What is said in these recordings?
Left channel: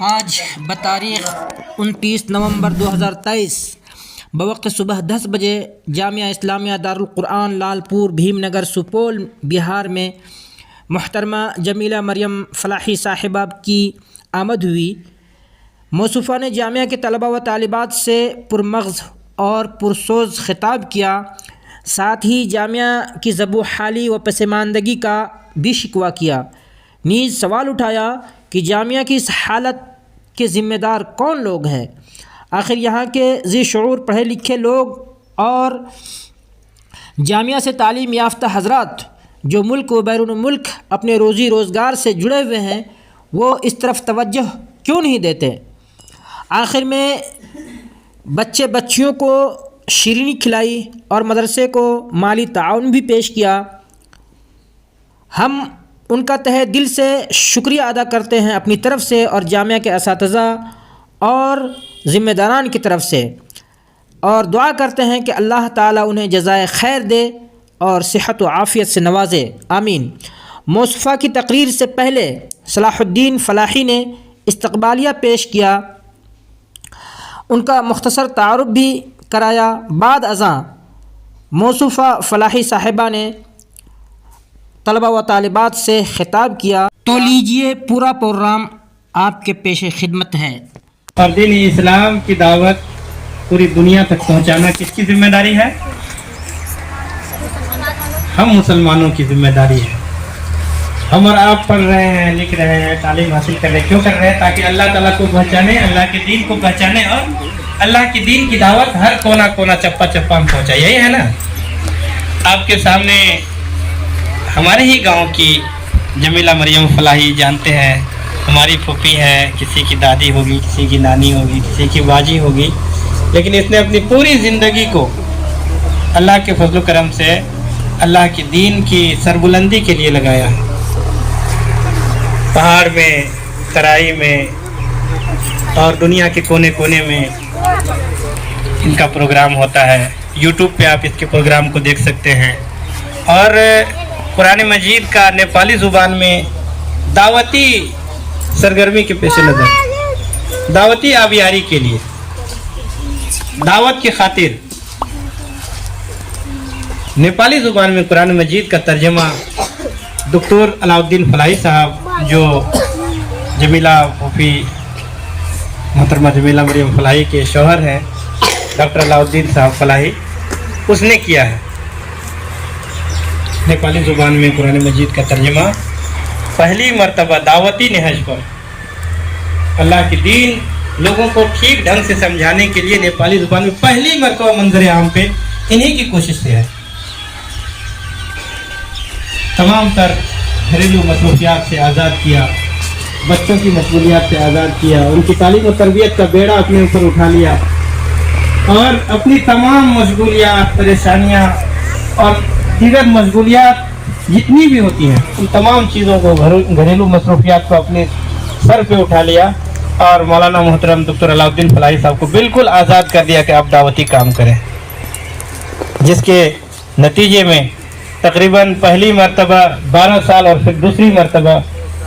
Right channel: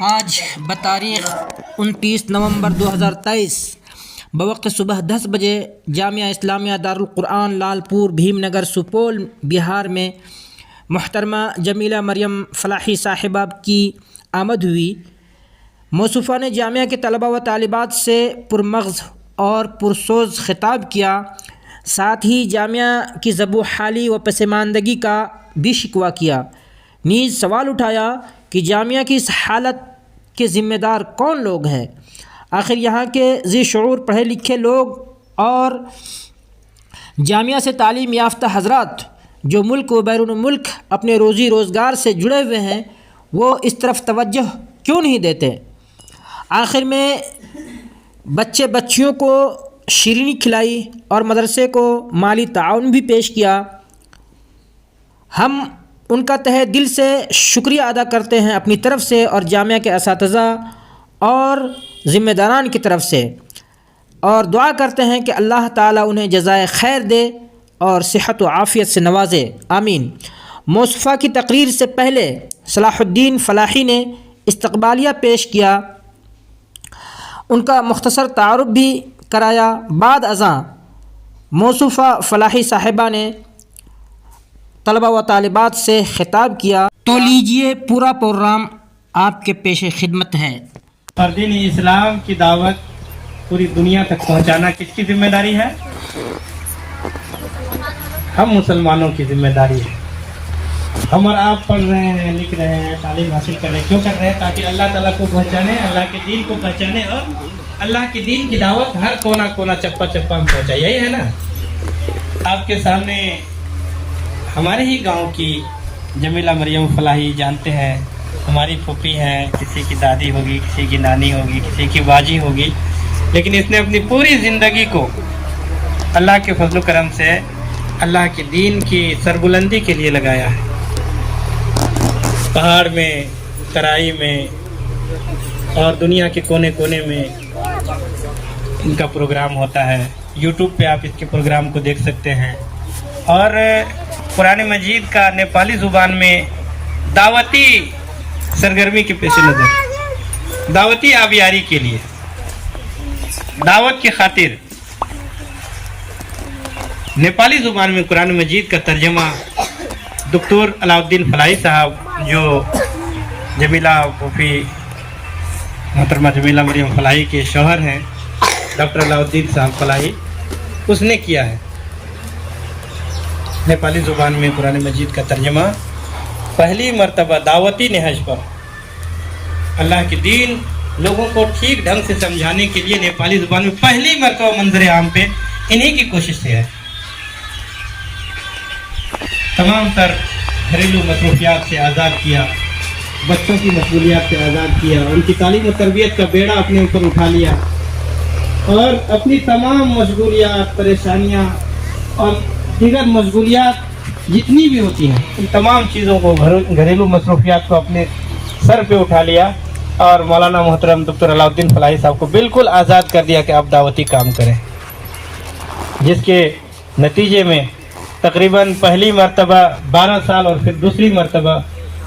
آج بتاریخ 29 نومبر 2023 بوقت صبح 10 بجے جامعہ اسلامیہ دارالقرآن لالپور بھیم نگر سپول بہار میں محترمہ جمیلہ مریم فلاحی صاحبہ کی آمد ہوئی۔ موصوفہ نے جامعہ کے طلباء و طالبات سے پرمغز اور پرسوز خطاب کیا، ساتھ ہی جامعہ کی ذب و حالی و پسماندگی کا بھی شکوہ کیا، نیز سوال اٹھایا کہ جامعہ کی اس حالت کے ذمہ دار کون لوگ ہیں؟ آخر یہاں کے ذی شعور پڑھے لکھے لوگ اور جامعہ سے تعلیم یافتہ حضرات جو ملک و بیرون ملک اپنے روزی روزگار سے جڑے ہوئے ہیں، وہ اس طرف توجہ کیوں نہیں دیتے؟ آخر میں بچے بچیوں کو شیرینی کھلائی اور مدرسے کو مالی تعاون بھی پیش کیا۔ ہم ان کا تہہ دل سے شکریہ ادا کرتے ہیں اپنی طرف سے اور جامعہ کے اساتذہ اور ذمہ داران کی طرف سے، اور دعا کرتے ہیں کہ اللہ تعالیٰ انہیں جزائے خیر دے اور صحت و عافیت سے نوازے، آمین۔ موصوفہ کی تقریر سے پہلے صلاح الدین فلاحی نے استقبالیہ پیش کیا، ان کا مختصر تعارف بھی کرایا۔ بعد ازاں موصوفہ فلاحی صاحبہ نے طلباء و طالبات سے خطاب کیا، تو لیجئے پورا پروگرام آپ کے پیش خدمت ہے۔ اور دین اسلام کی دعوت پوری دنیا تک پہنچانا کس کی ذمہ داری ہے؟ ہم مسلمانوں کی ذمہ داری ہے۔ ہم اور آپ پڑھ رہے ہیں، لکھ رہے ہیں، تعلیم حاصل کر رہے ہیں، کیوں کر رہے ہیں؟ تاکہ اللہ تعالیٰ کو پہچانے، اللہ کے دین کو پہچانے اور اللہ کے دین کی دعوت ہر کونا کونا چپا چپا ہم پہنچائے، یہی ہے نا؟ آپ کے سامنے ہمارے ہی گاؤں کی جمیلہ مریم فلاحی جانتے ہیں، ہماری پھوپھی ہے، کسی کی دادی ہوگی، کسی کی نانی ہوگی، کسی کی باجی ہوگی، لیکن اس نے اپنی پوری زندگی کو اللہ کے فضل و کرم سے اللہ کے دین کی سربلندی کے لیے لگایا ہے۔ پہاڑ میں، ترائی میں اور دنیا کے کونے کونے میں ان کا پروگرام ہوتا ہے۔ یوٹیوب پہ آپ اس کے پروگرام کو دیکھ سکتے ہیں، اور قرآن مجید کا نیپالی زبان میں دعوتی سرگرمی کے پیش نظر، دعوتی آبیاری کے لیے، دعوت کی خاطر نیپالی زبان میں قرآن مجید کا ترجمہ دکتور علاؤالدین فلاحی صاحب، جو جمیلہ پھوپھی محترمہ جمیلہ مریم فلاحی کے شوہر ہیں، ڈاکٹر علاؤالدین صاحب فلاحی، اس نے کیا ہے۔ نیپالی زبان میں قرآن مجید کا ترجمہ پہلی مرتبہ دعوتی نہج پر اللہ کے دین لوگوں کو ٹھیک ڈھنگ سے سمجھانے کے لیے نیپالی زبان میں پہلی مرتبہ منظر عام پہ انہی کی کوشش سے ہے۔ تمام تر گھریلو مصروفیات سے آزاد کیا، بچوں کی مشغولیات سے آزاد کیا، ان کی تعلیم و تربیت کا بیڑا اپنے اوپر اٹھا لیا، اور اپنی تمام مشغولیات، پریشانیاں اور دیگر مشغولیات جتنی بھی ہوتی ہیں، ان تمام چیزوں کو، گھریلو مصروفیات کو اپنے سر پہ اٹھا لیا، اور مولانا محترم دکتر علاؤالدین فلاحی صاحب کو بالکل آزاد کر دیا کہ آپ دعوتی کام کریں، جس کے نتیجے میں تقریباً پہلی مرتبہ 12 سال اور پھر دوسری مرتبہ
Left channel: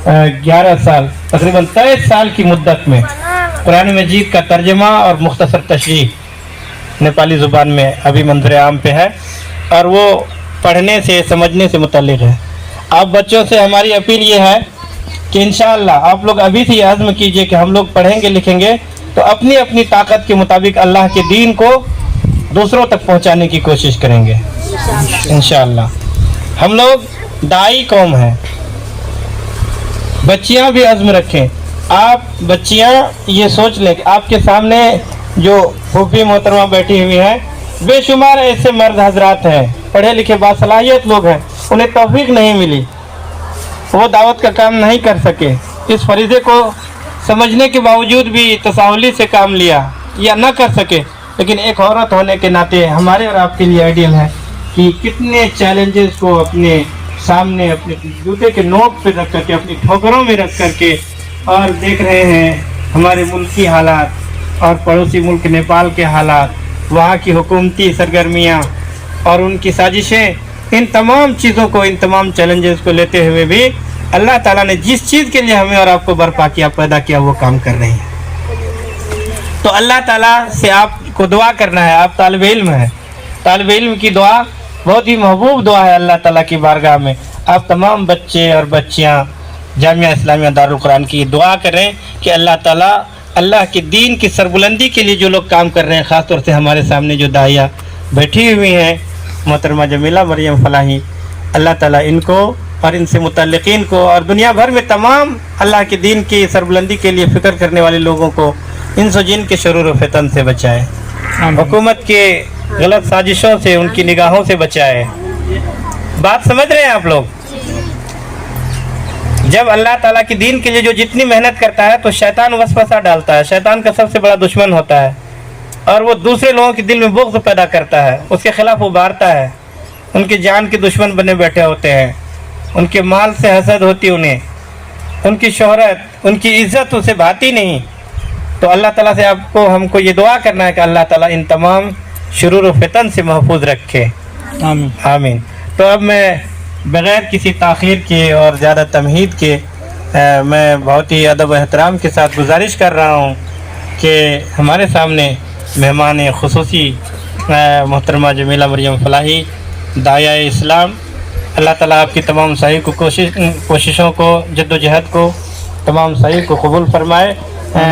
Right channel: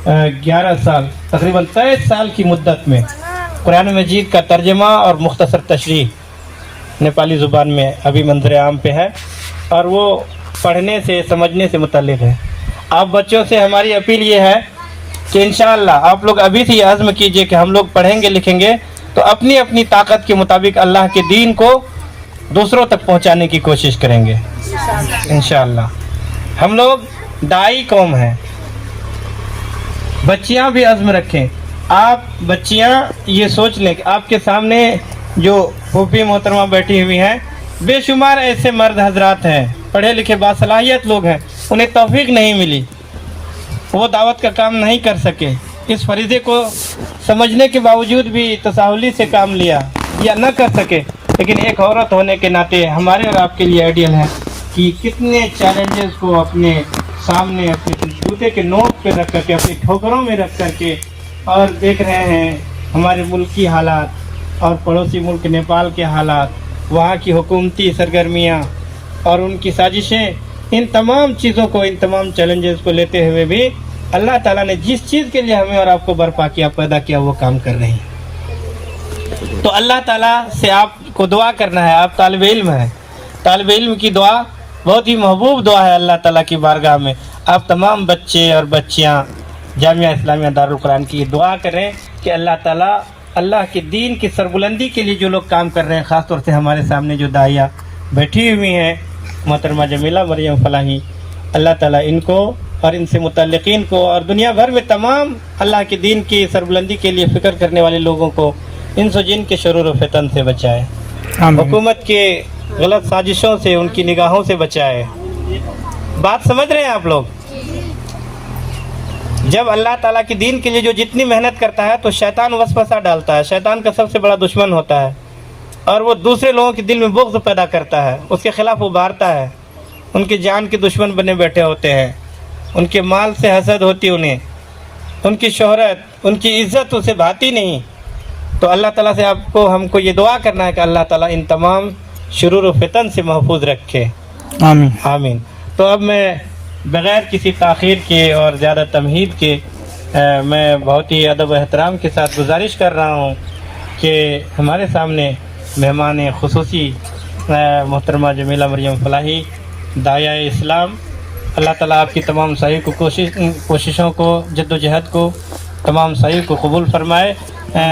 11 سال، تقریباً 23 سال کی مدت میں قرآن مجید کا ترجمہ اور مختصر تشریح نیپالی زبان میں ابھی منظر عام پہ ہے، اور وہ پڑھنے سے، سمجھنے سے متعلق ہے۔ آپ بچوں سے ہماری اپیل یہ ہے کہ انشاءاللہ آپ لوگ ابھی سے یہ عزم کیجئے کہ ہم لوگ پڑھیں گے، لکھیں گے تو اپنی اپنی طاقت کے مطابق اللہ کے دین کو دوسروں تک پہنچانے کی کوشش کریں گے انشاءاللہ۔ ہم لوگ داعی قوم ہیں۔ بچیاں بھی عزم رکھیں۔ آپ بچیاں یہ سوچ لیں کہ آپ کے سامنے جو پھوپھی محترمہ بیٹھی ہوئی ہیں، بے شمار ایسے مرد حضرات ہیں، پڑھے لکھے باصلاحیت لوگ ہیں، انہیں توفیق نہیں ملی، وہ دعوت کا کام نہیں کر سکے، اس فریضے کو سمجھنے کے باوجود بھی تساہلی سے کام لیا یا نہ کر سکے، لیکن ایک عورت ہونے کے ناطے ہمارے اور آپ کے لیے آئیڈیل ہے کہ کتنے چیلنجز کو اپنے سامنے، اپنے جوتے کے نوٹ پہ رکھ کر کے، اپنی ٹھوکروں میں رکھ کر کے، اور دیکھ رہے ہیں ہمارے ملک کی حالات اور پڑوسی ملک نیپال کے حالات، وہاں کی حکومتی سرگرمیاں اور ان کی سازشیں، ان تمام چیزوں کو، ان تمام چیلنجز کو لیتے ہوئے بھی اللہ تعالیٰ نے جس چیز کے لیے ہمیں اور آپ کو برپا کیا پیدا کیا وہ کام کر رہے ہیں. تو اللہ تعالیٰ سے آپ کو دعا کرنا ہے. آپ طالب علم ہیں, طالب علم کی دعا بہت ہی محبوب دعا ہے اللہ تعالیٰ کی بارگاہ میں. آپ تمام بچے اور بچیاں جامعہ اسلامیہ دارالقرآن کی دعا کریں کہ اللہ تعالیٰ اللہ کے دین کی سربلندی کے لیے جو لوگ کام کر رہے ہیں, خاص طور سے ہمارے سامنے جو داعیہ بیٹھی ہوئی ہیں محترمہ جمیلہ مریم فلاحی, اللہ تعالیٰ ان کو اور ان سے متعلقین کو اور دنیا بھر میں تمام اللہ کے دین کی سربلندی کے لیے فکر کرنے والے لوگوں کو انس و جن کے شرور و فتن سے بچائے, حکومت کے غلط سازشوں سے, ان کی نگاہوں سے بچائے. بات سمجھ رہے ہیں آپ لوگ؟ جب اللہ تعالیٰ کے دین کے لیے جو جتنی محنت کرتا ہے تو شیطان وسوسہ ڈالتا ہے. شیطان کا سب سے بڑا دشمن ہوتا ہے اور وہ دوسرے لوگوں کے دل میں بغض پیدا کرتا ہے, اس کے خلاف ابھارتا ہے. ان کی جان کے دشمن بنے بیٹھے ہوتے ہیں, ان کے مال سے حسد ہوتی انہیں, ان کی شہرت, ان کی عزت اسے بھاتی نہیں. تو اللہ تعالیٰ سے آپ کو ہم کو یہ دعا کرنا ہے کہ اللہ تعالیٰ ان تمام شرور و فتن سے محفوظ رکھے. آمین آمین. تو اب میں بغیر کسی تاخیر کے اور زیادہ تمہید کے میں بہت ہی ادب و احترام کے ساتھ گزارش کر رہا ہوں کہ ہمارے سامنے مہمان خصوصی محترمہ جمیلہ مریم فلاحی داعیہ اسلام, اللہ تعالیٰ آپ کی تمام سعی کو کوششوں کو, جد و جہد کو, تمام سعی کو قبول فرمائے.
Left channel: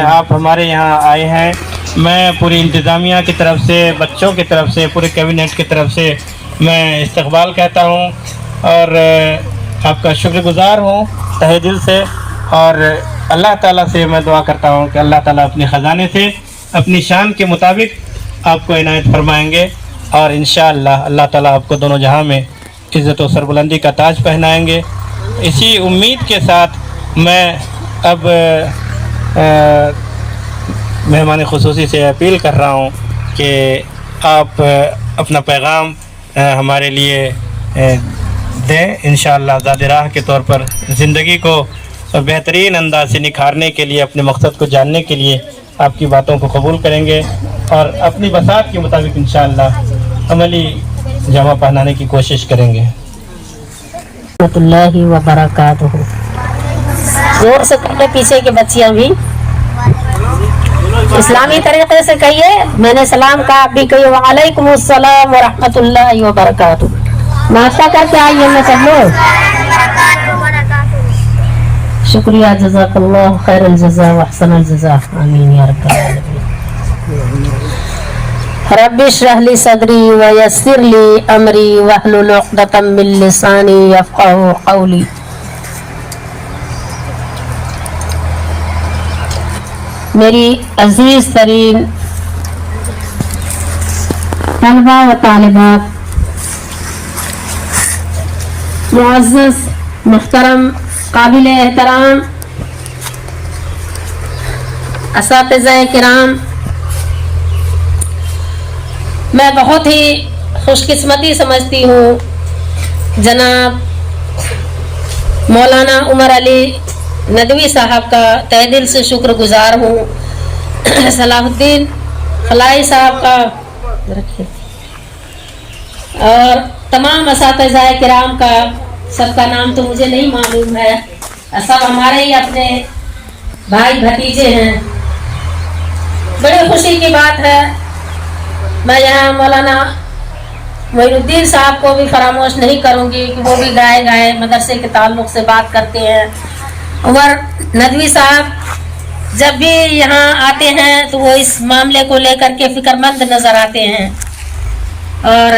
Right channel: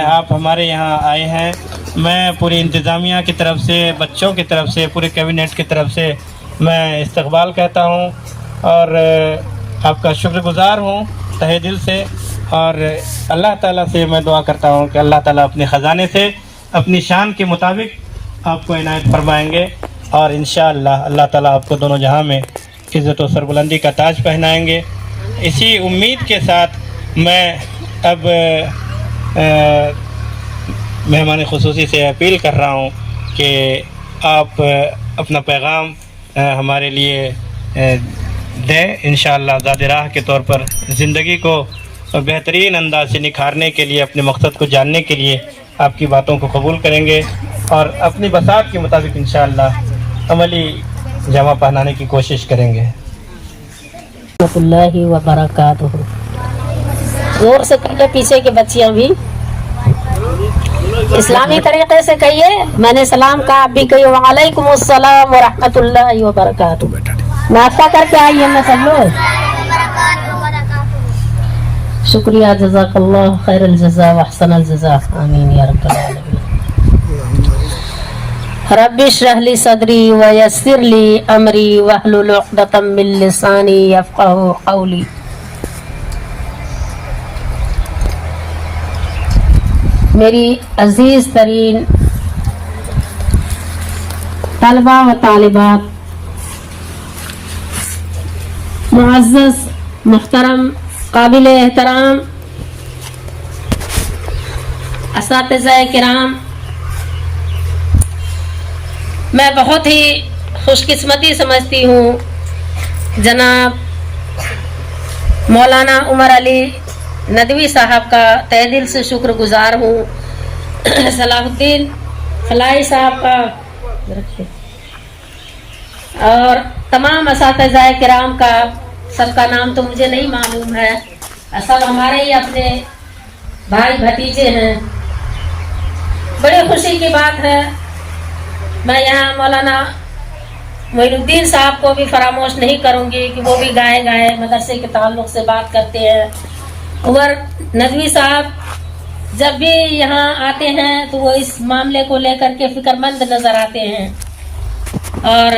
آپ ہمارے یہاں آئے ہیں, میں پوری انتظامیہ کی طرف سے, بچوں کی طرف سے, پورے کیبنٹ کی طرف سے میں استقبال کہتا ہوں اور آپ کا شکر گزار ہوں تہہ دل سے. اور اللہ تعالیٰ سے میں دعا کرتا ہوں کہ اللہ تعالیٰ اپنے خزانے سے اپنی شان کے مطابق آپ کو عنایت فرمائیں گے اور انشاءاللہ اللہ تعالیٰ آپ کو دونوں جہاں میں عزت و سربلندی کا تاج پہنائیں گے. اسی امید کے ساتھ میں اب مہمان خصوصی سے اپیل کر رہا ہوں کہ آپ اپنا پیغام ہمارے لیے دیں. انشاءاللہ ذات راہ کے طور پر زندگی کو بہترین انداز سے نکھارنے کے لیے, اپنے مقصد کو جاننے کے لیے آپ کی باتوں کو قبول کریں گے اور اپنی بساط کے مطابق انشاءاللہ عملی جامہ پہنانے کی کوشش کریں گے. رحمۃ اللہ وبرکاتہ. زور سے پہلے پیچھے کی بچیاں بھی اسلامی طریقے سے کہیے, میں نے سلام کہا, آپ بھی کہیے وعلیکم السلام ورحمۃ اللہ وبرکاتہ. ناشتہ کر کے آئیے میں سب لوگ. شکریہ, جزاک اللہ خیر الجزا واحسن الجزا. آمین یا رب العالمین. رب اشرح لی صدری ویسر لی امری واحلل عقدۃ من لسانی یفقہوا قولی. میری عزیز ترین طلبہ و طالبات, معزز محترم قابل احترام اساتذہ کرام, میں بہت ہی خوش قسمتی سمجھتی ہوں جناب مولانا عمر علی ندوی صاحب کا تہ دل سے شکر گزار ہوں, صلاح الدین فلاحی صاحب کا اور تمام اساتذہ کرام کا. سب کا نام تو مجھے نہیں معلوم ہے, سب ہمارے ہی اپنے بھائی بھتیجے ہیں. بڑی خوشی کی بات ہے. میں یہاں مولانا معین الدین صاحب کو بھی فراموش نہیں کروں گی کہ وہ بھی گائے مدرسے کے تعلق سے بات کرتے ہیں. عمر ندوی صاحب جب بھی یہاں آتے ہیں تو وہ اس معاملے کو لے کر کے فکر مند نظر آتے ہیں. اور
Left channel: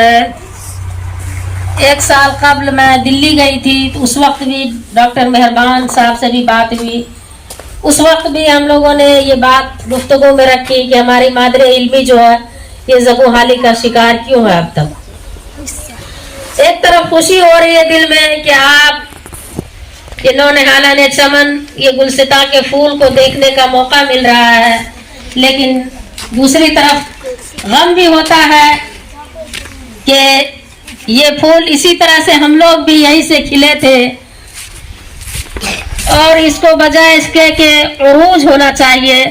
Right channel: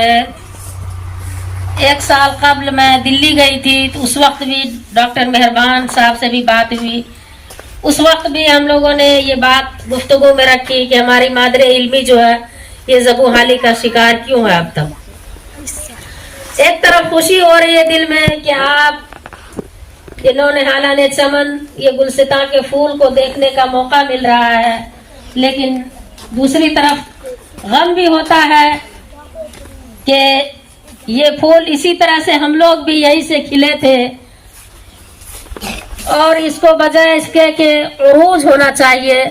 1 سال قبل میں دلی گئی تھی تو اس وقت بھی ڈاکٹر مہربان صاحب سے بھی بات ہوئی. اس وقت بھی ہم لوگوں نے یہ بات گفتگو میں رکھی کہ ہماری مادر علمی جو ہے یہ زبو حالی کا شکار کیوں ہے اب تک. ایک طرف خوشی ہو رہی ہے دل میں کہ آپ نونہالہ نے چمن یہ گلستاں کے پھول کو دیکھنے کا موقع مل رہا ہے, لیکن دوسری طرف غم بھی ہوتا ہے کہ یہ پھول اسی طرح سے ہم لوگ بھی یہی سے کھلے تھے اور اس کو بجائے اس کے کہ عروج ہونا چاہیے,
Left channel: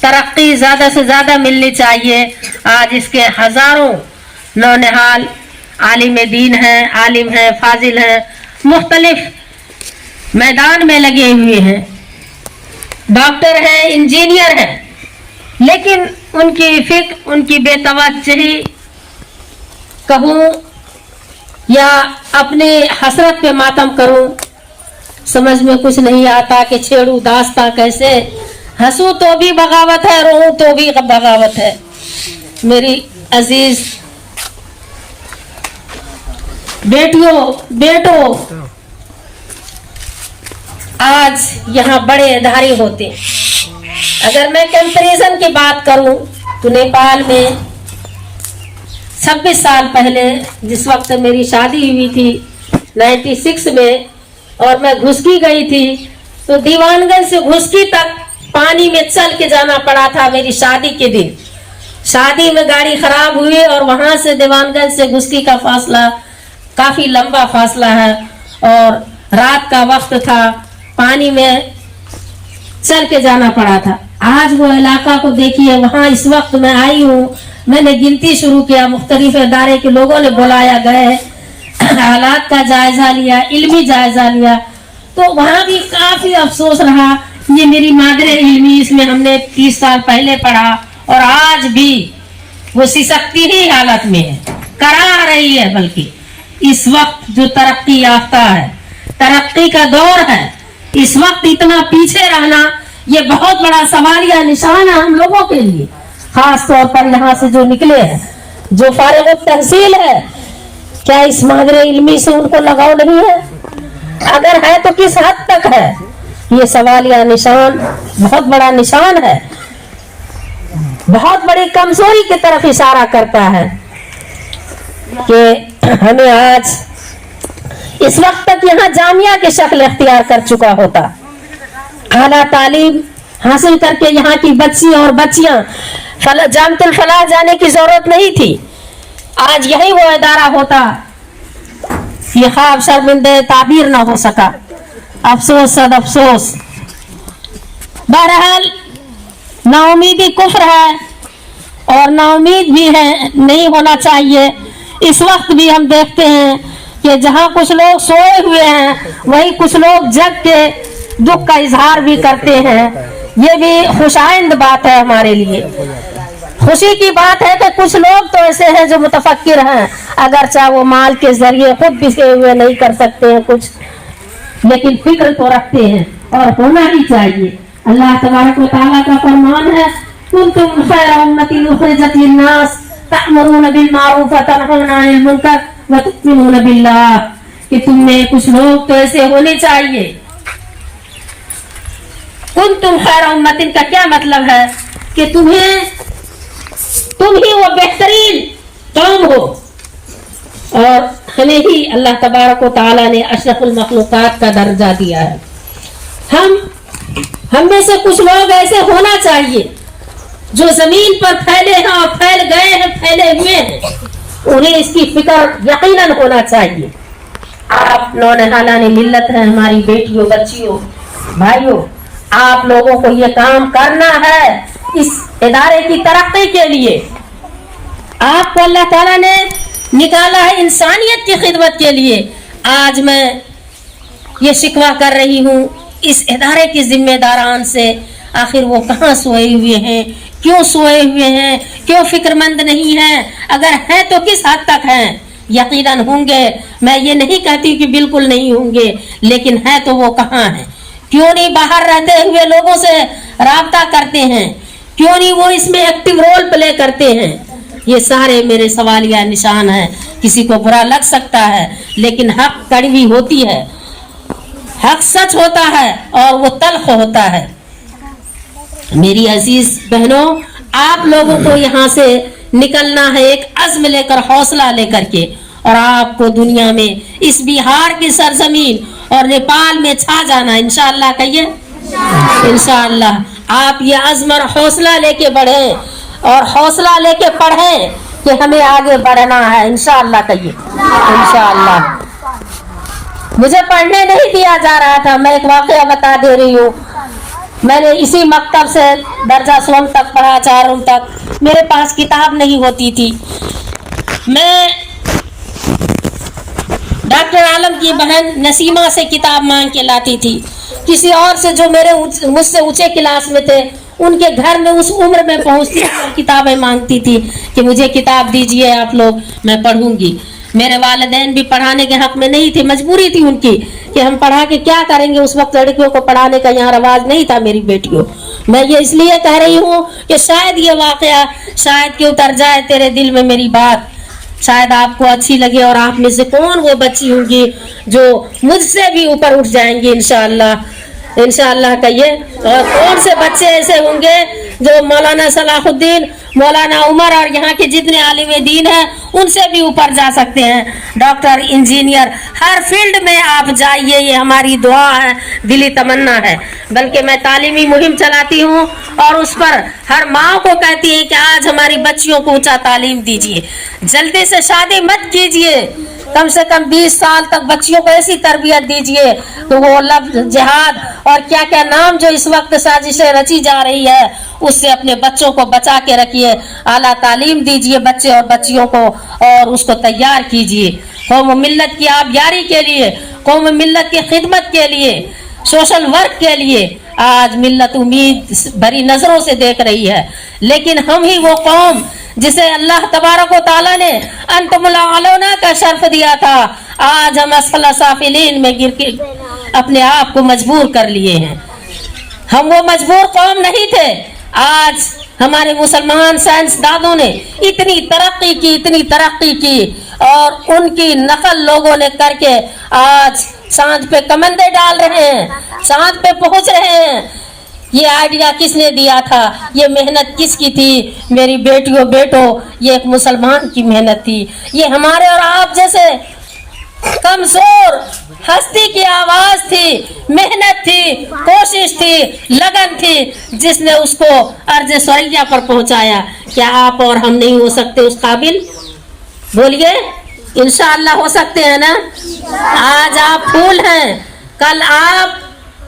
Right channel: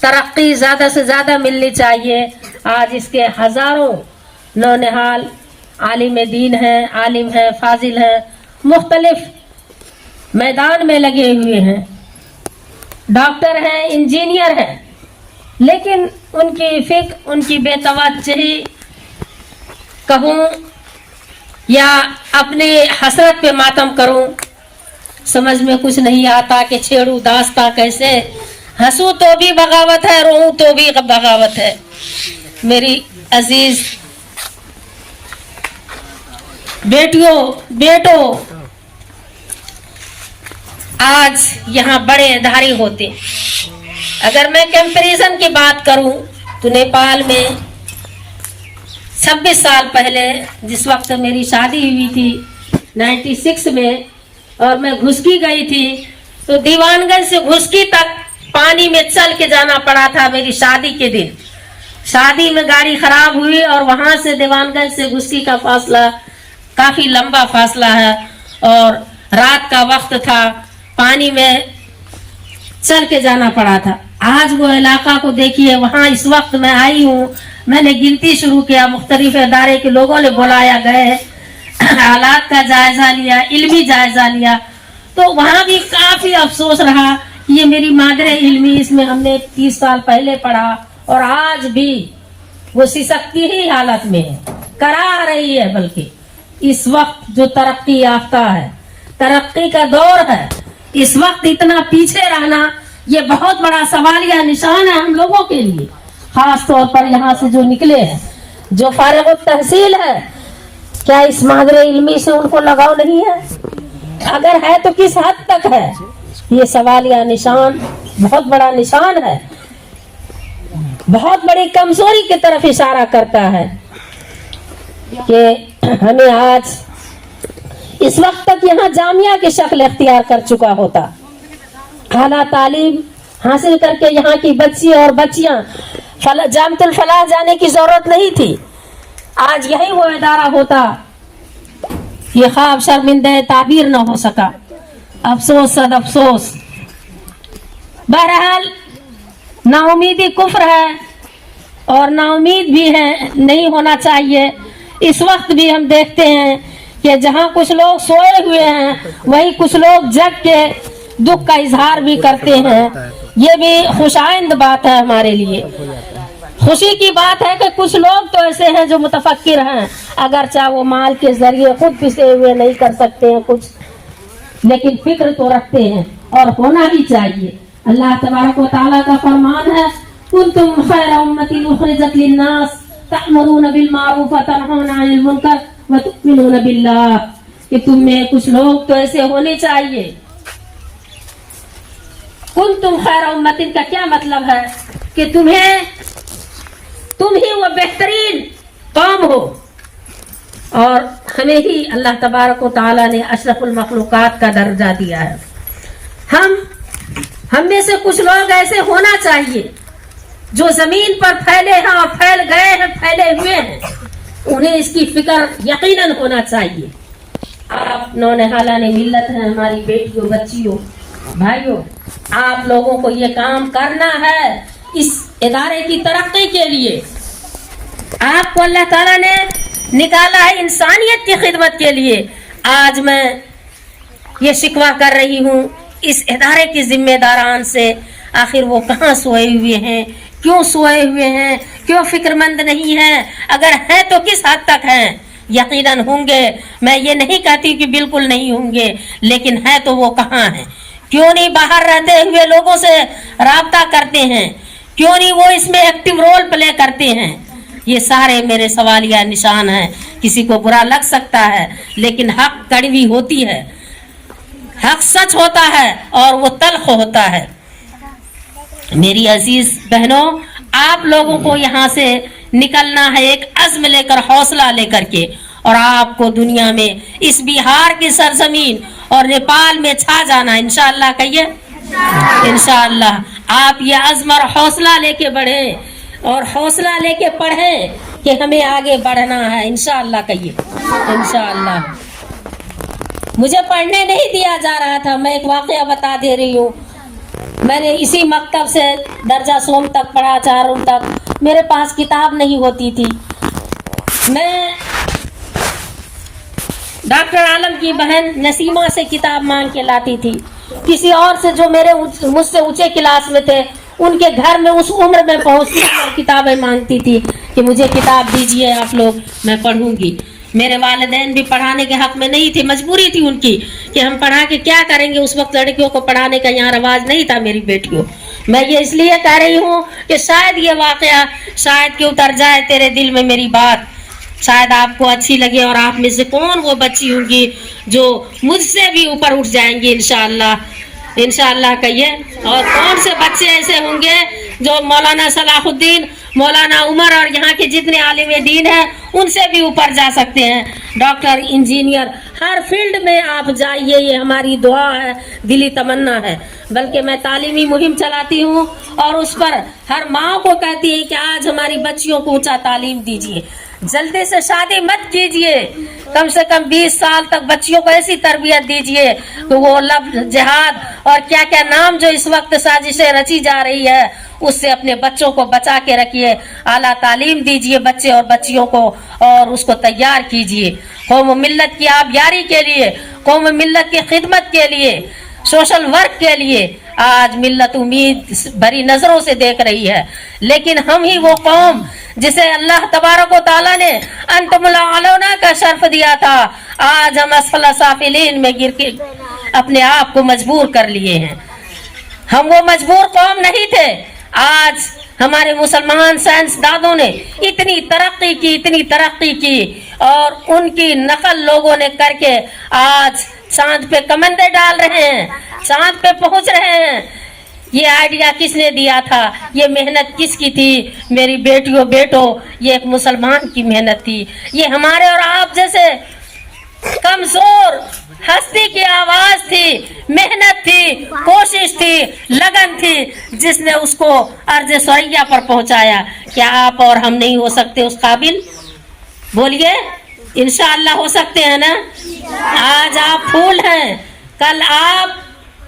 ترقی زیادہ سے زیادہ ملنی چاہیے. آج اس کے ہزاروں نونہال عالم دین ہیں, عالم ہیں, فاضل ہیں, مختلف मैदान में लगे हुए हैं, डॉक्टर हैं, इंजीनियर हैं, लेकिन उनकी फिक्र, उनकी बेतवज्जही कहूँ या अपने हसरत पे मातम करूँ, समझ में कुछ नहीं आता कि छेड़ू दास्ता कैसे। हंसू तो भी बगावत है, रोऊं तो भी बगावत है। मेरी अजीज बेटियों, बेटों, आज यहाँ बड़े अदारे होते। अगर मैं कंपैरिजन की बात करूं तो नेपाल में 26 साल पहले, जिस वक्त मेरी शादी हुई थी 96 में, और मैं घुसकी गई थी, तो दीवानगंज से घुसकी तक पानी में चल के जाना पड़ा था। मेरी शादी के दिन शादी में गाड़ी खराब हुई और वहां से दीवानगंज से घुसकी का फासला काफी लंबा फासला है, और रात का वक्त था, पानी में चल के जाना पड़ा था। आज वो इलाका को देखिए, वहां इस वक्त मैं आई हूँ, मैंने गिनती शुरू किया, मुख्तलिफ इदारे के लोगों ने बुलाया गए, हालात का जायजा लिया, इल्मी जायजा लिया, तो वहां भी काफी अफसोस रहा। ये मेरी मादरे इल्मी, इसमें हमने 30 साल पहले पढ़ा, और आज भी वो सिसकती ही हालत में है, करा रही है। बल्कि इस वक्त जो तरक्की याफ्ता है, तरक्की का दौर है, इस वक्त इतना पीछे रहना ये बहुत बड़ा सवालिया निशान है हम लोगों के लिए, खास तौर पर यहाँ से जो निकले हैं, जो फारिग तहसील है। क्या इस मादरे इल्मी से उनको लगाव नहीं है? अगर है तो किस हद तक है? ये सवालिया निशान बहुत बड़ा निशान है, बहुत बड़ी कमजोरी की तरफ इशारा करता है कि हमें आज इस वक्त तक यहाँ जामिया की शक्ल इख्तियार कर चुका होता, आला तालीम हासिल करके यहाँ की बच्ची और बच्चियां जामतुल फलाह जाने की जरूरत नहीं थी। आज यही वो इदारा होता। ये ख्वाब शर्मिंदे ताबीर ना हो सका, अफसोस सद अफसोस। बहरहाल नाउमीदी कुफ्र है, और नाउमीद भी है, नहीं होना चाहिए। इस वक्त भी हम देखते हैं कि जहाँ कुछ लोग सोए हुए हैं, वहीं कुछ लोग जग के दुख का इजहार भी करते हैं। ये भी खुशाइंद बात है हमारे लिए। खुशी की बात है कि कुछ लोग तो ऐसे हैं जो मुतफक्किर हैं, अगर चाहे वो माल के जरिए खुद पिसे हुए नहीं कर सकते हैं कुछ, लेकिन फिक्र तो रखते हैं, और होना ही चाहिए। अल्लाह तबारक व तआला का फरमान है, कुंतुम खैरा उम्मतिन उखरिजत लिन्नास तअमुरूना बिल मारूफ व तनहौना अनिल मुनकर व तु'मिनूना बिल्लाह, कि तुम में कुछ लोग तो ऐसे होने चाहिए। कुंतुम खैरा उम्मतिन का क्या मतलब है? कि तुम ही वो बेहतरीन कौम हो, और हमें ही अल्लाह तबारक व तआला ने अशरफुल मखलूकात का दर्जा दिया है। हम में से कुछ लोग ऐसे होना चाहिए जो जमीन पर फैले हैं और फैल गए हैं, फैले हुए हैं, उन्हें इसकी फिक्र यकीनन होना चाहिए। आप नौनिहालाने मिल्लत हैं, हमारी बेटियों, बच्चियों, भाइयों, आप लोगों को ये काम करना है इस इदारे की तरक्की के लिए। आपको अल्लाह ताला ने निकाला है इंसानियत की खिदमत के लिए। आज मैं ये शिकवा कर रही हूँ इस इदारे के जिम्मेदारान से, आखिर वो कहाँ सोए हुए हैं, क्यों सोए हुए हैं, क्यों फिक्रमंद नहीं हैं? अगर है तो किस हद तक हैं? यकीनन होंगे, मैं ये नहीं कहती कि बिल्कुल नहीं होंगे, लेकिन है तो वो कहाँ हैं? क्यों नहीं बाहर रहते हुए लोगों से राब्ता करते हैं? क्यों नहीं वो इसमें एक्टिव रोल प्ले करते हैं? ये सारे मेरे सवालिया निशान हैं। किसी को बुरा लग सकता है, लेकिन हक कड़वी होती है, हक सच होता है और वो तल्ख होता है। मेरी अजीज बहनों, आप लोगों को यहाँ से निकलना है एक अज़्म लेकर, हौसला लेकर के, और आपको दुनिया में इस बिहार की सरजमीन और नेपाल में छा जाना है इंशाअल्लाह। कहिए इंशाअल्लाह। आप ये अज़्म और हौसला लेके बढ़े और हौसला लेके पढ़ें कि हमें आगे बढ़ना है इंशाअल्लाह। कहिए इंशाअल्लाह। मुझे पढ़ने नहीं दिया जा रहा था, मैं एक वाक़या बता दे रही हूँ। मैंने इसी मकतब से दर्जा सोम तक पढ़ा, 4 तक। मेरे पास किताब नहीं होती थी। मैं डॉक्टर आलम की बहन नसीमा से किताब मांग के लाती थी, किसी और से जो मुझसे ऊंचे क्लास में थे उनके घर में उस उम्र में पहुंचती किताबें मांगती थी कि मुझे किताब दीजिए आप लोग, मैं पढ़ूंगी। मेरे वालिदैन भी पढ़ाने के हक में नहीं थे, मजबूरी थी उनकी कि हम पढ़ा के क्या करेंगे। उस वक्त लड़कियों को पढ़ाने का यहाँ रवाज नहीं था मेरी बेटियों। मैं ये इसलिए कह रही हूँ कि शायद ये वाकया शायद कि उतर जाए तेरे दिल में मेरी बात, शायद आपको अच्छी लगे और आप में से कौन वो बच्ची होंगी जो मुझसे भी ऊपर उठ जाएंगी इंशाअल्लाह कहिए। और कौन से बच्चे ऐसे होंगे जो मौलाना सलाहुद्दीन, मौलाना उमर और यहाँ के जितने आलिम दीन हैं उनसे भी ऊपर जा सकते हैं। डॉक्टर, इंजीनियर, हर फील्ड में आप जाइए, ये हमारी दुआ है, दिली तमन्ना है। बल्कि मैं तालीमी मुहिम चलाती हूँ और उस पर हर माँ को कहती है कि आज हमारी बच्चियों को ऊंचा तालीम दीजिए, जल्दी से शादी मत कीजिए, कम से कम 20 साल तक बच्चियों को ऐसी तरबियत दीजिए कि वो लफ्ज जिहाद और क्या क्या नाम जो इस वक्त साजिशें रची जा रही है उससे अपने बच्चों को बचा के रखिए। आला तालीम दीजिए बच्चे और बच्चियों को और उसको तैयार कीजिए कौम मिल्लत की आबियारी के लिए, कौम मिल्लत की खिदमत के लिए, सोशल वर्क के लिए। आज मिल्लत उम्मीद भरी नजरों से देख रही है, लेकिन हम ही वो कौम जिसे अल्लाह तबारक व तआला ने अंतमुल आलौना का शर्फ दिया था, आज हम असफल साफिलीन में गिर के अपने आप को मजबूर कर लिए हैं। हम वो मजबूर कौम नहीं थे। आज हमारे मुसलमान साइंसदानों ने इतनी तरक्की की और उनकी नकल लोगों ने करके आज चांद पे कमंदे डाल रहे हैं, चांद पे पहुंच रहे हैं। ये आइडिया किसने दिया था, ये मेहनत किसकी थी? मेरी बेटियों बेटों, ये एक मुसलमान की मेहनत थी। ये हमारे और आप जैसे कमजोर हस्ती की आवाज थी, मेहनत थी, कोशिश थी, लगन थी, जिसने उसको अर्ज़ सरिया पर पहुंचाया। क्या आप और हम नहीं हो सकते उस काबिल? बोलिए, इंशाअल्लाह हो सकते हैं ना। आज आप फूल हैं, कल आप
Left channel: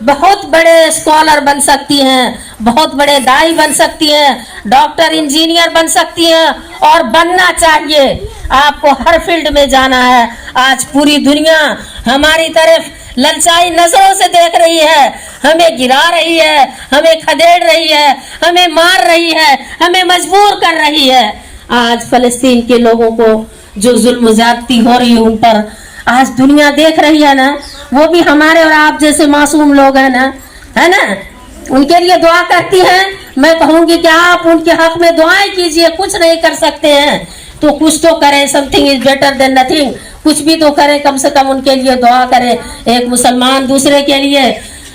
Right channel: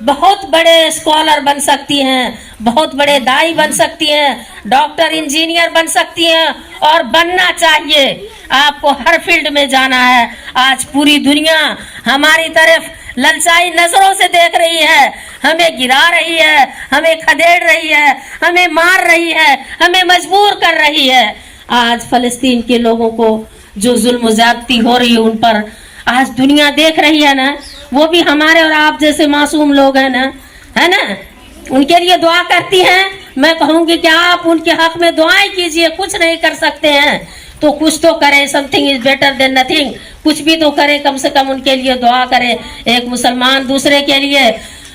बहुत बड़े स्कॉलर बन सकती हैं, बहुत बड़े दाई बन सकती हैं, डॉक्टर, इंजीनियर बन सकती हैं और बनना चाहिए। आपको हर फील्ड में जाना है। आज पूरी दुनिया हमारी तरफ ललचाई नजरों से देख रही है, हमें गिरा रही है, हमें खदेड़ रही है, हमें मार रही है, हमें मजबूर कर रही है। आज फलस्तीन के लोगों को जो जुल्म ज्यादती हो रही है उन पर आज दुनिया देख रही है ना। वो भी हमारे और आप जैसे मासूम लोग हैं ना, है ना, उनके लिए दुआ करती हैं। मैं कहूंगी कि आप उनके हक में दुआएं कीजिए। कुछ नहीं कर सकते हैं तो कुछ तो करें, something is better than nothing. कुछ भी तो करें, कम से कम उनके लिए दुआ करें। एक मुसलमान दूसरे के लिए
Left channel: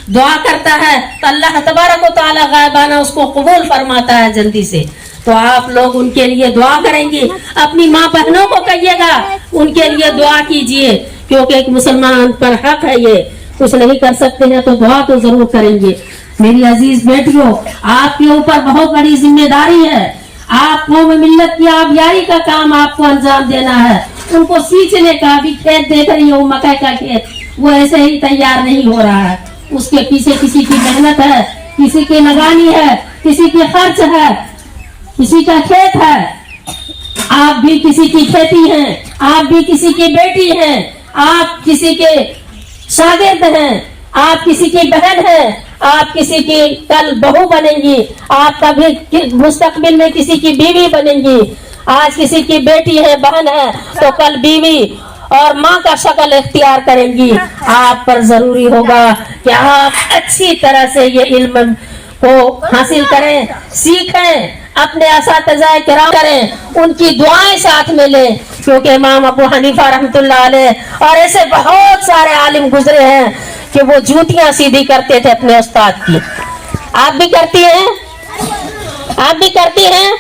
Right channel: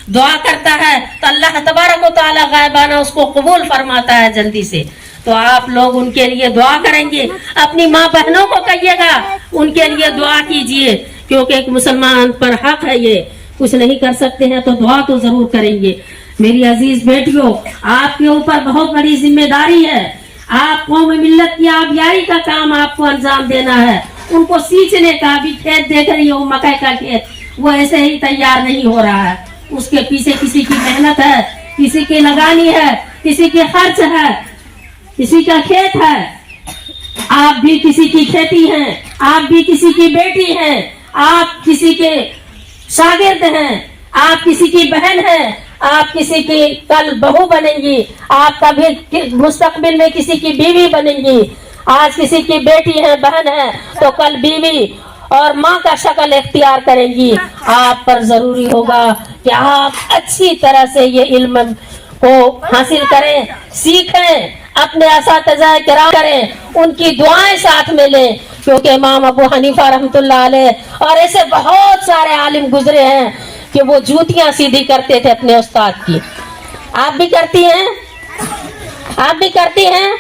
दुआ करता है तो अल्लाह तबारक व तआला गायबाना उसको कबूल फरमाता है जल्दी से। तो आप लोग उनके लिए दुआ करेंगे, अपनी माँ बहनों को कहिएगा उनके लिए दुआ कीजिए, क्योंकि एक मुसलमान पर हक है। ये कुछ नहीं कर सकते हैं तो दुआ तो जरूर करेंगे। मेरी अजीज बेटियों, आपके ऊपर बहुत बड़ी जिम्मेदारी है। आप कौम मिल्लत की आबियारी का काम आपको अंजाम देना है। उनको सींचने का भी खेत देख रही हो, मकई का खेत, वो ऐसे ही तैयार नहीं हो रहा है। उसके पीछे किसी की मेहनत है, किसी की लगानी है, किसी के खर्च है, किसी का खेत है। आप भी किसी की खेती हैं, आप भी किसी की बेटी हैं, आप किसी के शागिर्द हैं, आप किसी की बहन हैं, आप किसी की कल बहू बनेंगी, आप कभी मुस्तकबिल में किसी की बीवी बनेंगी। आज किसी की बेटी है, बहन है, तो कल बीवी और माँ का शक्ल इख्तियार करेंगी। आप पर जरूरी होगा कि आप अच्छी तरह से ये इल्म को हासिल करें, सीखें, अपने असातिज़ा किराम करें, उनकी दुआएं साथ में लें, क्योंकि इमाम अबू हनीफा रहमतुल्लाह अलैह और ऐसे बहुत सारे आलिम गुजरे हैं कि वो जूतियां सीधी करते थे अपने उस्ताद की। आप भी करती हैं? आप भी करती हैं?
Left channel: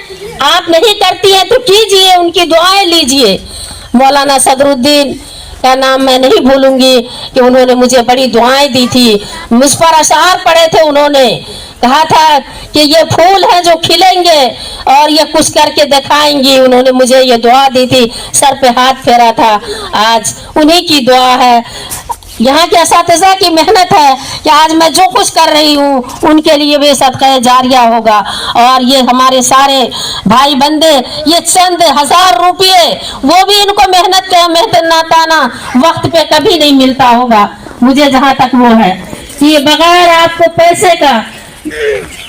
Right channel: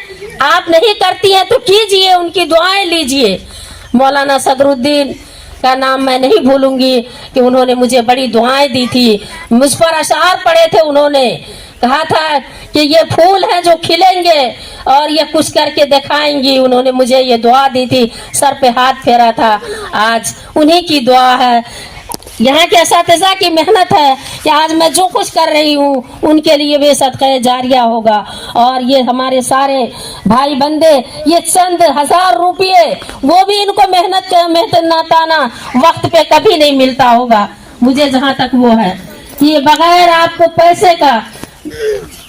आप नहीं करती हैं तो कीजिए, उनकी दुआएं लीजिए। मौलाना सदरुद्दीन का नाम मैं नहीं भूलूंगी कि उन्होंने मुझे बड़ी दुआएं दी थी। मुझ पर अशार पड़े थे, उन्होंने कहा था कि ये फूल है जो खिलेंगे और ये कुछ करके दिखाएंगी। उन्होंने मुझे ये दुआ दी थी, सर पे हाथ फेरा था। आज उन्हीं की दुआ है यहाँ के اساتذہ की मेहनत है कि आज मैं जो कुछ कर रही हूँ उनके लिए भी सदका जारिया होगा। और ये हमारे सारे भाई बंदे, ये चंद 1000 रुपये वो भी इनको मेहनताना वक्त पे कभी नहीं मिलता होगा। मुझे जहाँ तक वो है कि बगैर आपको पैसे का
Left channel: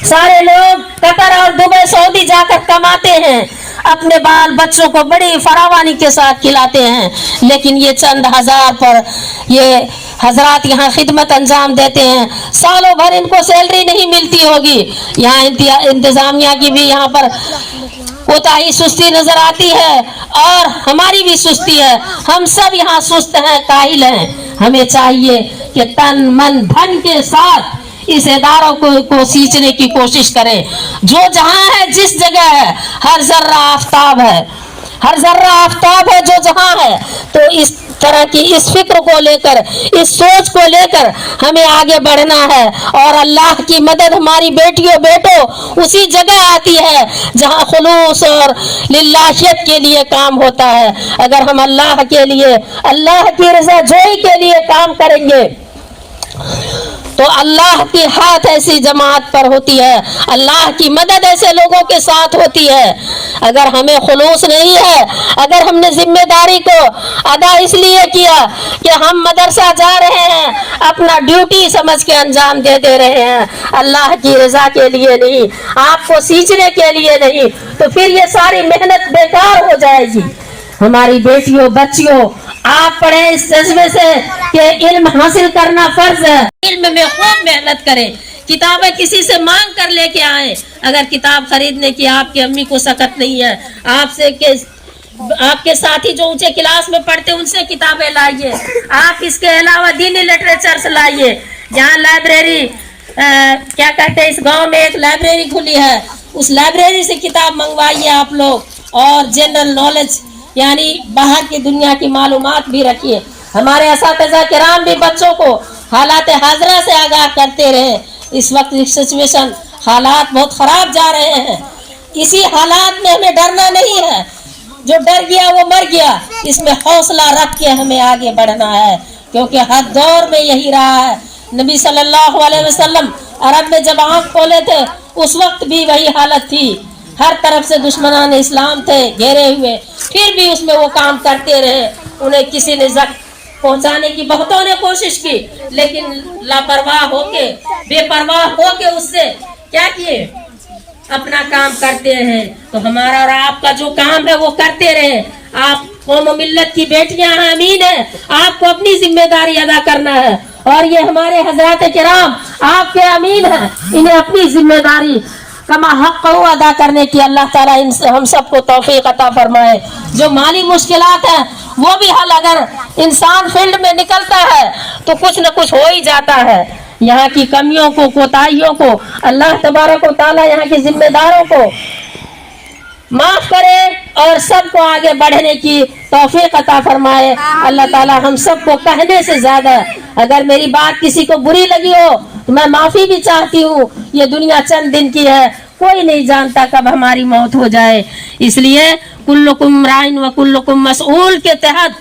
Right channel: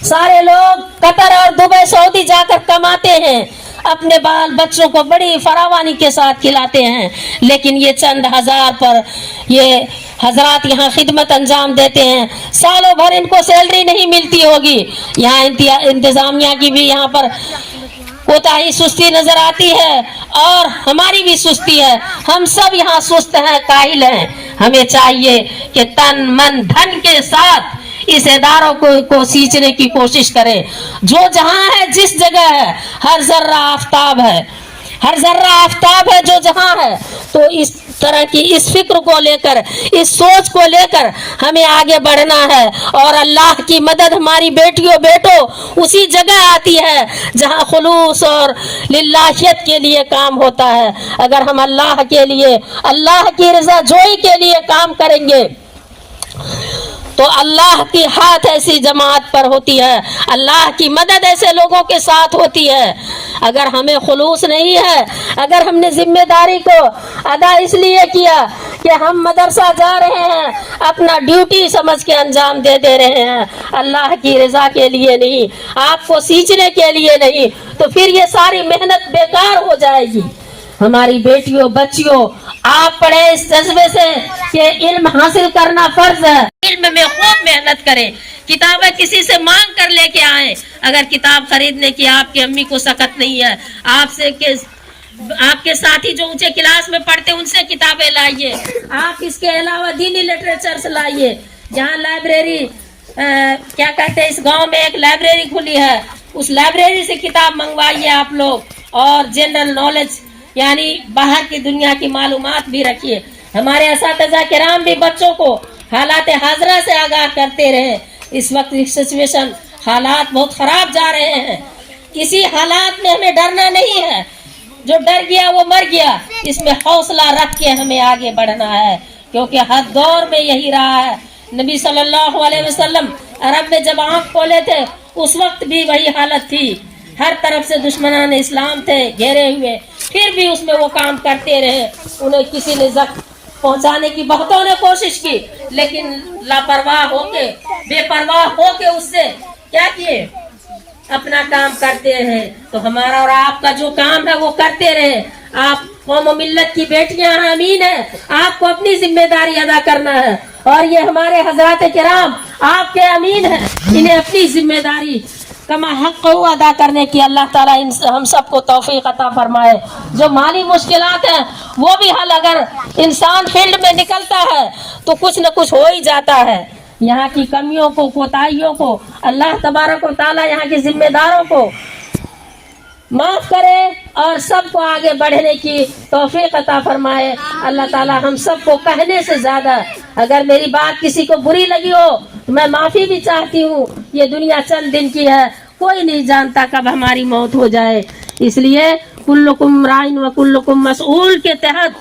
सारे लोग कतर और दुबई सऊदी जाकर कमाते हैं, अपने बाल बच्चों को बड़ी फरावानी के साथ खिलाते हैं, लेकिन ये चंद 1000 पर ये हजरात यहाँ खिदमत अंजाम देते हैं। सालों भर इनको सैलरी नहीं मिलती होगी। यहाँ इंतजामिया की भी यहाँ पर कोताही सुस्ती नजर आती है और हमारी भी सुस्ती है। हम सब यहाँ सुस्त हैं, काहिल हैं। हमें चाहिए कि तन मन धन के साथ इस इदारों को सींचने की कोशिश करें। जो जहाँ है, जिस जगह है, हर जर्रा आफताब है, हर जर्रा आफताब है जो जहाँ है। तो इस तरह की इस फिक्र को लेकर, इस सोच को लेकर हमें आगे बढ़ना है। और अल्लाह की मदद हमारी बेटियों बेटों उसी जगह आती है जहाँ खुलूस और लिल्लाहियत के लिए काम होता है। अगर हम अल्लाह के लिए, अल्लाह की रजा जोई के लिए काम करेंगे तो अल्लाह की हाथ ऐसी जमात पर होती है, अल्लाह की मदद ऐसे लोगों के साथ होती है। अगर हमें खुलूस नहीं है, अगर हमने जिम्मेदारी को अदा इसलिए किया कि हम मदरसा जा रहे हैं, अपना ड्यूटी समझ के अंजाम दे रहे हैं, अल्लाह की रजा के लिए नहीं, आपको सींचने के लिए नहीं, तो फिर ये सारी मेहनत बेकार हो जाएगी। हमारी बेटियों बच्चियों, आप पढ़े इस जज्बे से कि इल्म हासिल करना फर्ज है। इल्म में खूब मेहनत करें, किताबें किसी से मांग कर लेके आए। अगर किताब खरीदने की आपकी अम्मी को सकत नहीं है, आपके साथी जो ऊंचे क्लास में पढ़ते उनसे किताबें लाइए। आप इसके अलावा दीनी लिटरेचर लाइए। जहाँ लाइब्रेरी क्या कहते हैं, इस गांव में एक लाइब्रेरी खुली है, उस लाइब्रेरी से किताब मंगवाइए आप लोग। और जनरल नॉलेज यानी बाहर की दुनिया की मालूमात भी रखिए। हमारे असातिज़ा किराम भी बच्चों को हालात हाजरा से आगाह करते रहे। इस वक्त सिचुएशन, हालात बहुत खराब जा रहे हैं। इसी हालात में हमें डरना नहीं है, जो डर गया वो मर गया। इसमें हौसला रख के हमें आगे बढ़ना है, क्योंकि हर दौर में यही रहा है। नबी सल्लल्लाहु अलैहि वसल्लम अरब में जब आँख खोले थे उस वक्त भी वही हालत थी। हर तरफ से दुश्मनान इस्लाम थे घेरे हुए, फिर भी उसमें वो काम करते रहे। उन्हें किसी ने जख्म पहुंचाने की बहुतों ने कोशिश की, लेकिन लापरवाह होके, बेपरवाह होके उससे क्या किए, अपना काम करते हैं। तो हमारा और आपका जो काम है वो करते रहे। आप कौम मिल्लत की बेटियां हैं, अमीन है, आपको अपनी जिम्मेदारी अदा करना है। और ये हमारे हजरात किराम आपके अमीन है, इन्हें अपनी जिम्मेदारी कमा हक अदा करने की अल्लाह ताला हम सबको तौफीक अता फरमाए। जो माली मुश्किलात है वो भी हल, अगर इंसान फील्ड में निकलता है तो कुछ न कुछ हो ही जाता है। यहाँ की कमियों को, कोताहियों को अल्लाह तबारक व तआला यहाँ के जिम्मेदारों को माफ करे और सबको आगे बढ़ने की तौफीक अता फरमाए। अल्लाह ताला हम सबको कहने से ज्यादा, अगर मेरी बात किसी को बुरी लगी हो तो मैं माफी भी चाहती हूँ। ये दुनिया चंद दिन की है, कोई नहीं जानता कब हमारी मौत हो जाए। इसलिए कुल्लुकुम राइन व कुल्लुकुम मसऊल के तहत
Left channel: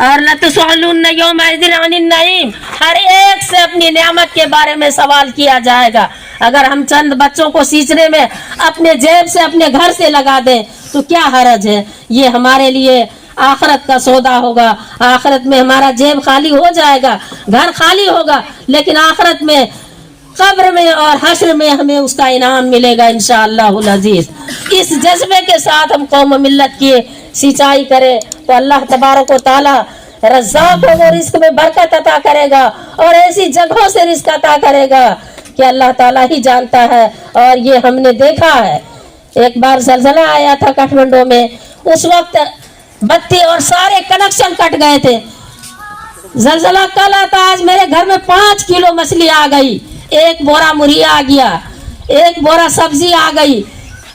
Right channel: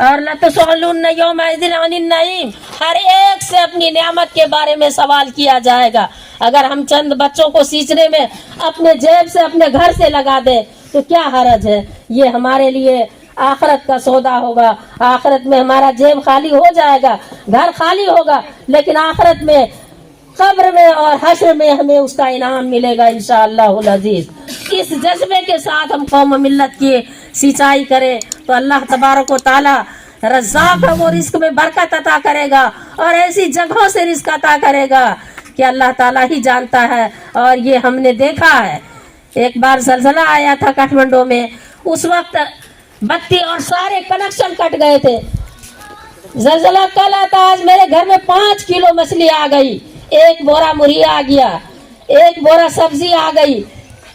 और लतसअलुन्ना यौमइज़िन अनिन नईम, हर एक से अपनी नेमत के बारे में सवाल किया जाएगा। अगर हम चंद बच्चों को सींचने में अपने जेब से, अपने घर से लगा दें तो क्या हरज है। ये हमारे लिए आखिरत का सौदा होगा। आखिरत में हमारा जेब खाली हो जाएगा, घर खाली होगा, लेकिन आखिरत में, कब्र में और हश्र में हमें उसका इनाम मिलेगा इंशाअल्लाहुल अजीज। इस जज्बे के साथ हम कौम मिल्लत की सिंचाई करें तो अल्लाह तबारक व तआला रज़्ज़ाक़ है, वो रिस्क में बरकत अता करेगा और ऐसी जगहों से रिस्क अता करेगा कि अल्लाह ताला ही जानता है। और ये हमने देखा है, एक बार ज़लज़ला आया था काठमांडू में, उस वक्त बत्ती और सारे कनेक्शन कट गए थे। ज़लज़ला कल आता, आज मेरे घर में 5 किलो मछली आ गई, 1 बोरा मुर्गी आ गया, 1 बोरा सब्जी आ गई।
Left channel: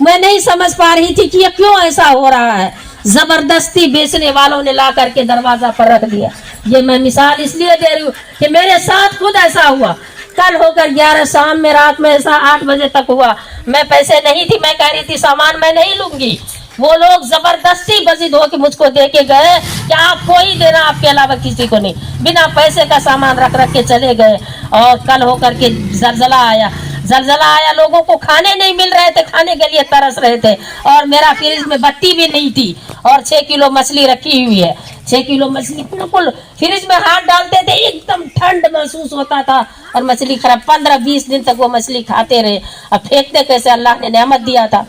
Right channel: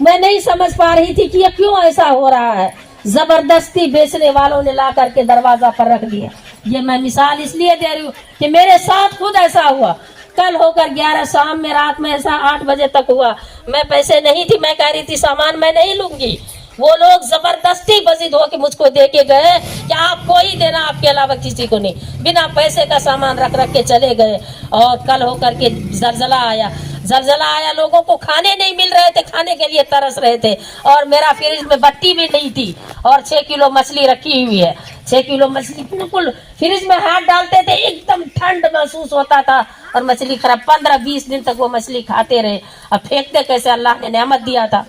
मैं नहीं समझ पा रही थी कि ये क्यों ऐसा हो रहा है। जबरदस्ती बेचने वालों ने ला करके दरवाजा पर रख दिया। ये मैं मिसाल इसलिए दे रही हूँ कि मेरे साथ खुद ऐसा हुआ। कल होकर 11 शाम में, रात में ऐसा 8 बजे तक हुआ। मैं पैसे नहीं थी, मैं कह रही थी सामान मैं नहीं लूंगी, वो लोग जबरदस्ती बजिद होके मुझको दे के गए कि आपको ही देना, आपके अलावा किसी को नहीं। बिना पैसे का सामान रख रख के चले गए। और कल होकर के जलजला आया, लोगों को खाने नहीं मिल रहे थे, खाने के लिए तरस रहे थे। और मेरा फ्रिज में बत्ती भी नहीं थी और 6 किलो मछली रखी हुई है। 6 किलो मछली बिल्कुल फ्रिज में हाथ डालते थे एकदम ठंड महसूस होता था और मछली खराब। 15-20 दिन तक वो मछली खाते रहे। अब फेंकते कैसे, अल्लाह ने नेमत दिया था।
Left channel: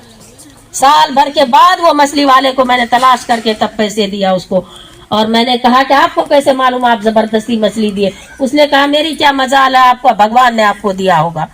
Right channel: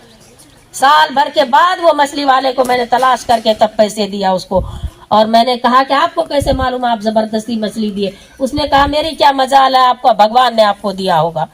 साल भर के बाद वो मछली वाले को मैंने तलाश करके तब पैसे दिया उसको। और मैंने कहा कि आपको कैसे मालूम आप जबरदस्ती मछली दिए? उसने कहा मेरी क्या मजाल है, आपको भगवान ने आपको दिया होगा।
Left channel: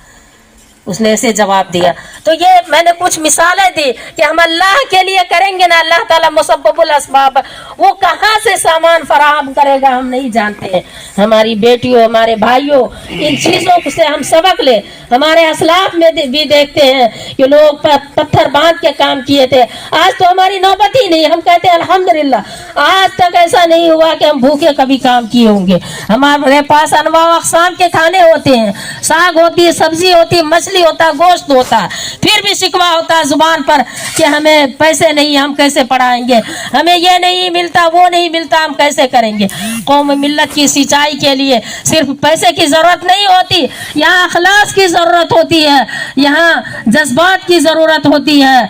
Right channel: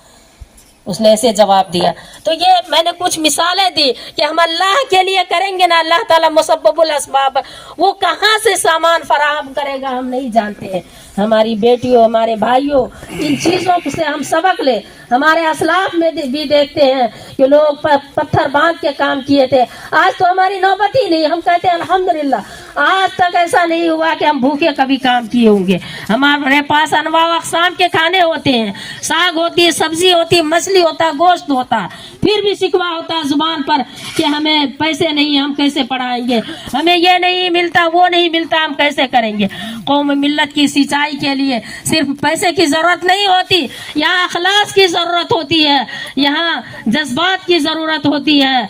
उसने ऐसे जवाब दिया। तो ये मैंने कुछ मिसालें दी कि हम अल्लाह के लिए करेंगे ना, अल्लाह ताला मुसब्बबुल अस्बाब, वो कहाँ से सामान फराहम करेगा हम नहीं जानते हैं। हमारी बेटियों, हमारे भाइयों, इन चीज़ों से हम सबक ले। हमारे असलाफ में भी देखते हैं कि लोग पत्थर बांध के काम किए थे। आज तो हमारी नौबत ही नहीं, हम कहते हैं अल्हम्दुलिल्लाह आज तक ऐसा नहीं हुआ कि हम भूखे कभी काम किए होंगे। हमारे पास अनवा अक़साम के खाने होते हैं, साग होती है, सब्जी होती है, मछली होता, गोश्त होता, फिर भी शिकवा होता जुबान पर कि हमें पैसे नहीं, हम कैसे पढ़ाएंगे, हमें ये नहीं मिलता, वो नहीं मिलता, हम कैसे करेंगे। कौम मिल्लत की सिंचाई के लिए सिर्फ पैसे की ज़रूरत नहीं होती, यहाँ अखलास की ज़रूरत होती है, यहाँ जज्बात की ज़रूरत होती है,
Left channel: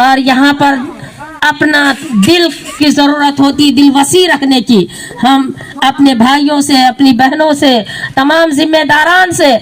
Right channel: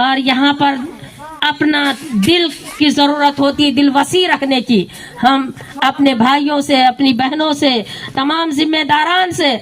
और यहाँ पर अपना दिल की ज़रूरत होती, दिल वसी रखने की। हम अपने भाइयों से, अपनी बहनों से, तमाम जिम्मेदारान से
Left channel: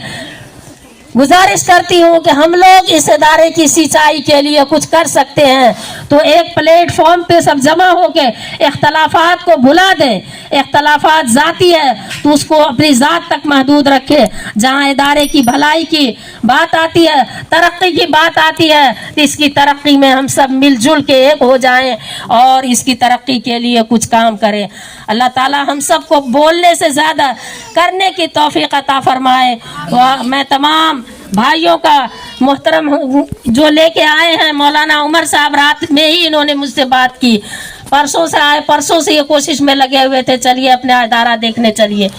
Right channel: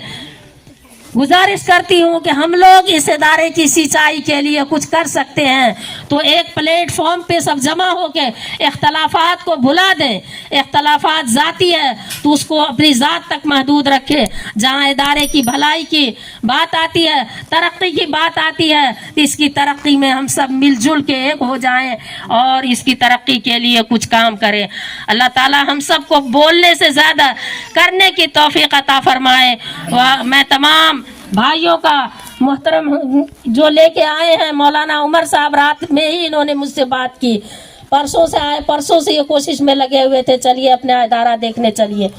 गुजारिश करती हूँ कि हम लोग इस इदारे की सिंचाई के लिए कुछ कर सकते हैं तो एक प्लेटफॉर्म पे सब जमा होके इख्तलाफात को भुला दें। इख्तलाफात ज़ाती है तो उसको अपनी ज़ात तक महदूद रखें। जहाँ इदारे की भलाई की बात आती है, तरक्की की बात आती है, तो इसकी तरक्की में हम सब मिलजुल के एक हो जाएं और इसकी तरक्की के लिए कुछ काम करें। अल्लाह ताला हम सब को बोलने से ज़्यादा करने की तौफीक अता फरमाए। मैं तमाम भाइयों का मोहतरम जो लेके आए हैं, मौलाना उमर साहब रात में ही इन्होंने मुझसे बात की, परसों से आए, परसों से ये कोशिश में लगे हुए थे चलिए अपना इदारा देखने चलिए,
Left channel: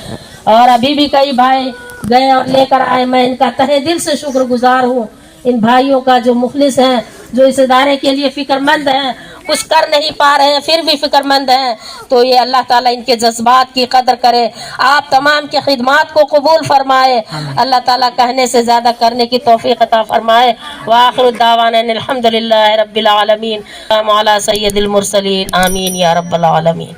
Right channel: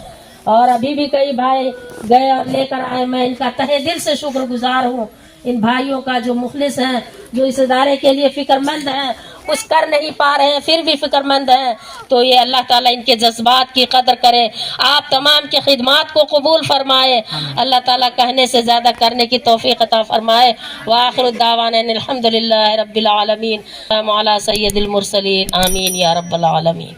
और अभी भी कई भाई गए और लेकर आए। मैं इनका तहे दिल से शुक्रगुजार हूँ, इन भाइयों का जो मुखलिस हैं, जो इस इदारे के लिए फ़िक्रमंद हैं, कुछ कर नहीं पा रहे हैं फिर भी फ़िक्रमंद हैं। तो ये अल्लाह ताला इनके जज्बात की कदर करे, आप तमाम की खिदमात को कबूल फरमाए। अल्लाह ताला कहने से ज़्यादा करने की तौफीक अता फरमाए। व आखिरु दावाना अल्हम्दुलिल्लाहि रब्बिल आलमीन, अला सय्यिदिल मुरसलीन, आमीन या रब्बल आलमीन।